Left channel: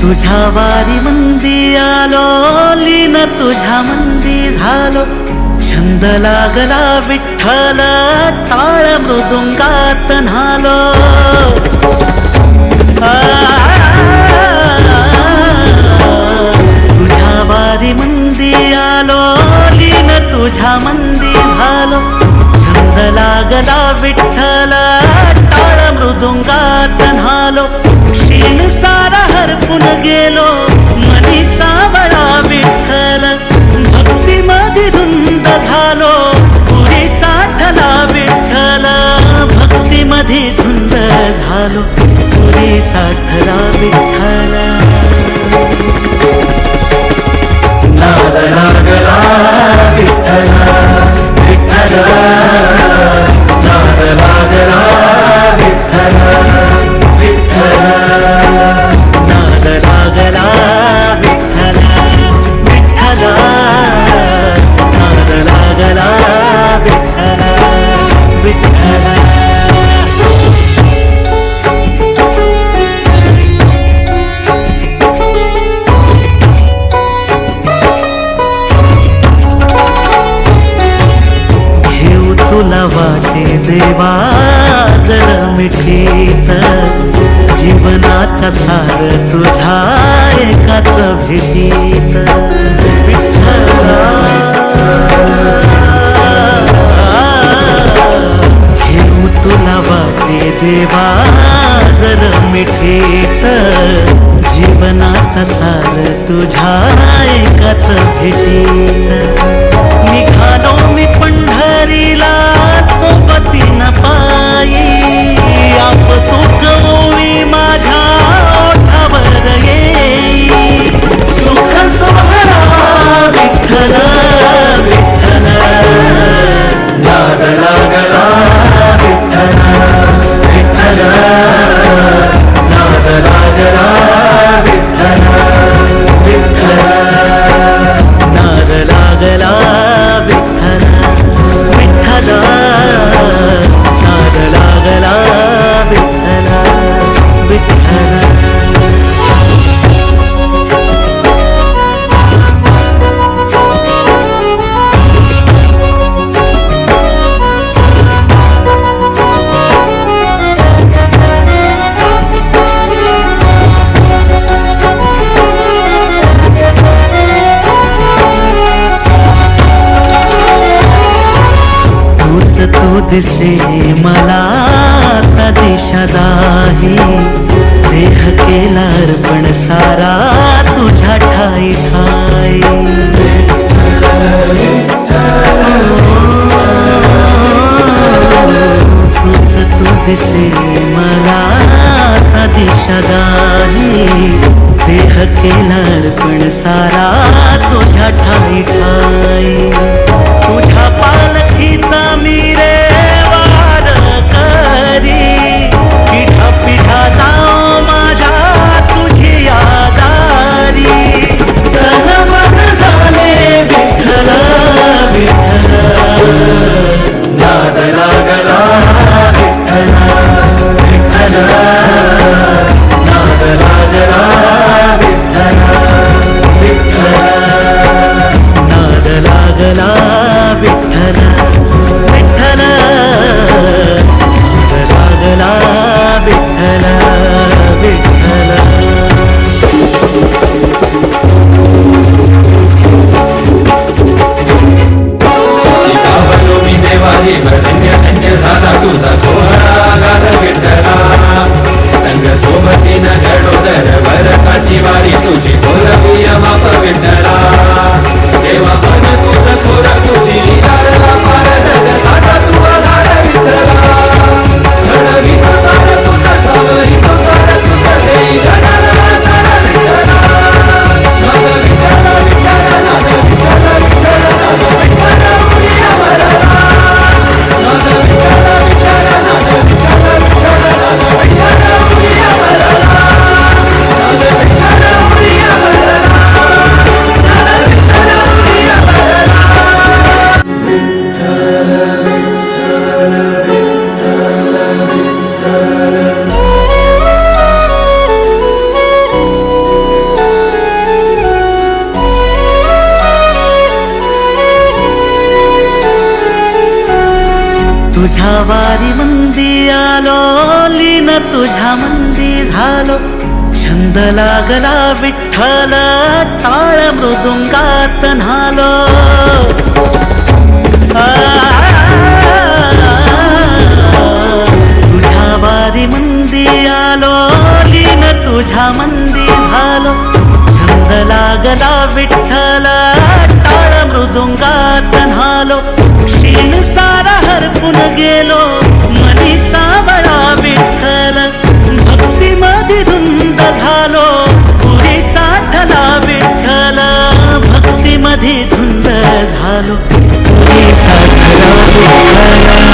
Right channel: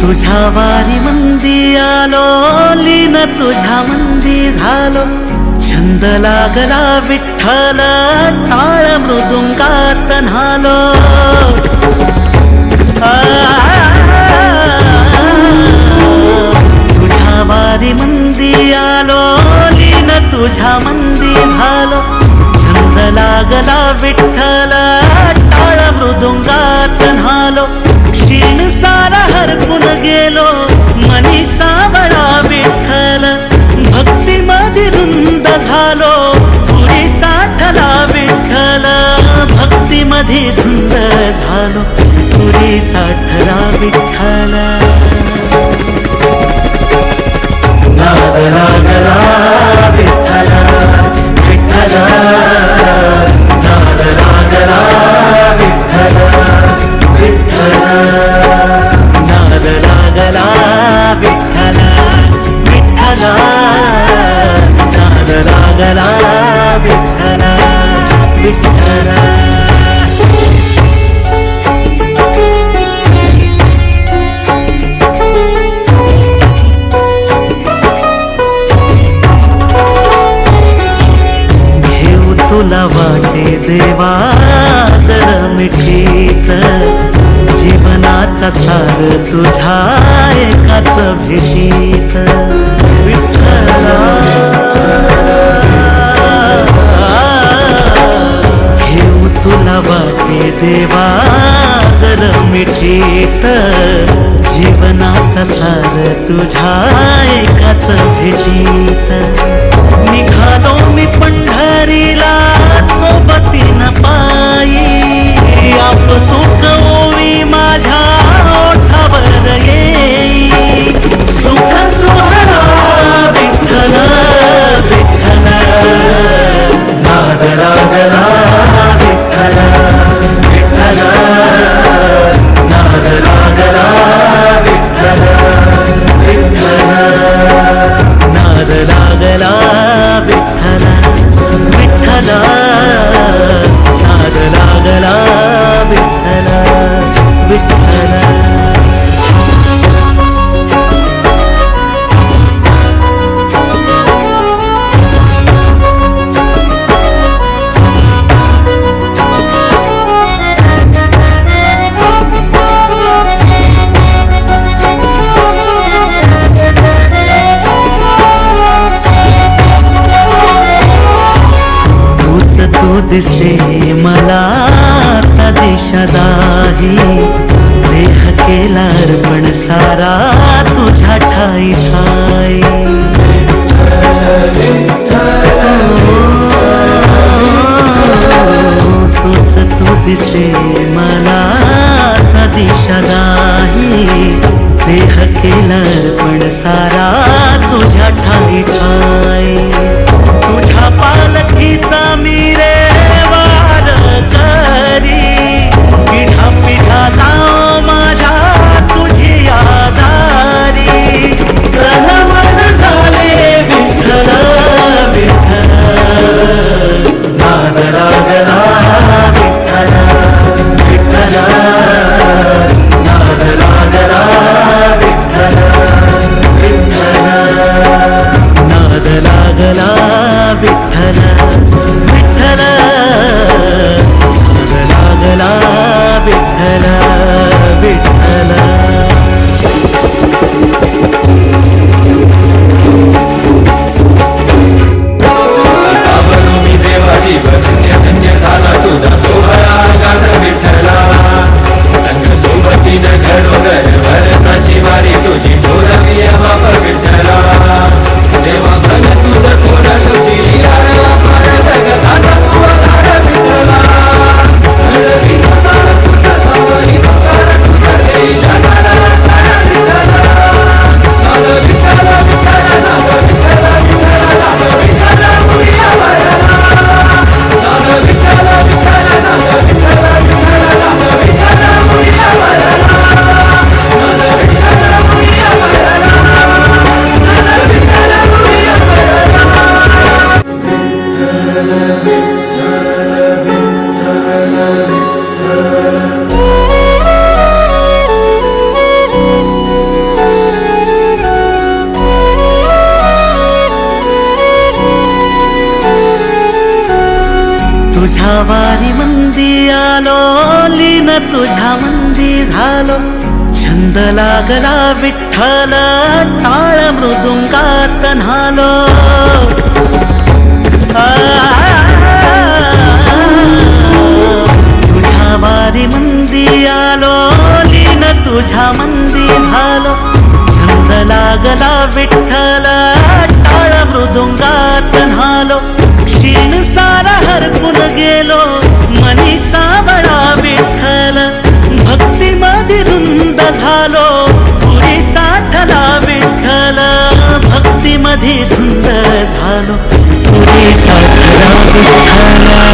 तुझ्या वारी मंदी आलो, लीन तुझ्या मंदी झालो, छंद लागला विठ्ठल, टाळ मृदुंगात न्हालो. तुझ्या वारी मंदी आलो, लीन तुझ्या मंदी झालो, छंद लागला विठ्ठल, टाळ मृदुंगात न्हालो. क्षीण सारा हरपून गेलो, मनी सावळा विठ्ठल, भक्ती मध्ये धुंद झालो, पुरी साठला विठ्ठल, भक्ती मध्ये धुंद झालो, पुरी साठला विठ्ठल. नाद लागला विठ्ठल विठ्ठल, नाद लागला विठ्ठल विठ्ठल, नाद लागला विठ्ठल विठ्ठल, नाद लागला विठ्ठल विठ्ठल. घेऊ तुला वाटे देवा जर मिठीत, जीवनाचा सार तुझ्या एकाच भेटीत. विठ्ठला घेऊ तुला वाटे देवा जर मिठीत, जीवनाचा सार तुझ्या एकाच भेटीत. निघालो मी पंढरीला सोबतीन पायी, आप सुख ओवी माझ्या ओठावर येई. सुख सोहळा विठ्ठल विठ्ठल, नाद लागला विठ्ठल विठ्ठल, नाद लागला विठ्ठल विठ्ठल, नाद लागला विठ्ठल विठ्ठल, नाद लागला विठ्ठल विठ्ठल. तू दिसे मला आता दिशा दाही, देह केला अर्पण सारा तुझ्या ठाई ठाई. तूच तू दिसे मला आता दिशा दाही, देह केला अर्पण सारा तुझ्या ठाई ठाई. तुझ्या पालखीचा मी रे वार करी, पिढा पिढा जाओ माझ्या तुझी यादारी. तन मन झाले विठ्ठल विठ्ठल, नाद लागला विठ्ठल विठ्ठल, नाद लागला विठ्ठल विठ्ठल, नाद लागला विठ्ठल विठ्ठल, नाद लागला विठ्ठल विठ्ठल. देवाजी धन्य धन्य झाला तुझा सोहळा गात विठ्ठला. संग सोबतीनं घडोदर वरसाची वारी तुझी बोलविया बाप विठ्ठला. देवा बन तुझं थोडं तुझी लीला पार जगताचा तू लाड विठ्ठला. वारी मंदी आलो, लीन तुझ्या मंदी झालो. छंद लागला विठ्ठल, टाळ मृदुंगात न्हालो. तुझ्या वारी मंदी आलो, लीन तुझ्या मंदी झालो. छंद लागला विठ्ठल, टाळ मृदुंगात न्हालो. क्षीण सारा हरपून गेलो, मनी सावळा विठ्ठल. भक्तीमध्ये धुंद झालो, पुरी साठला विठ्ठल. भक्तीमध्ये धुंद झालो, पुरी साठला विठ्ठल.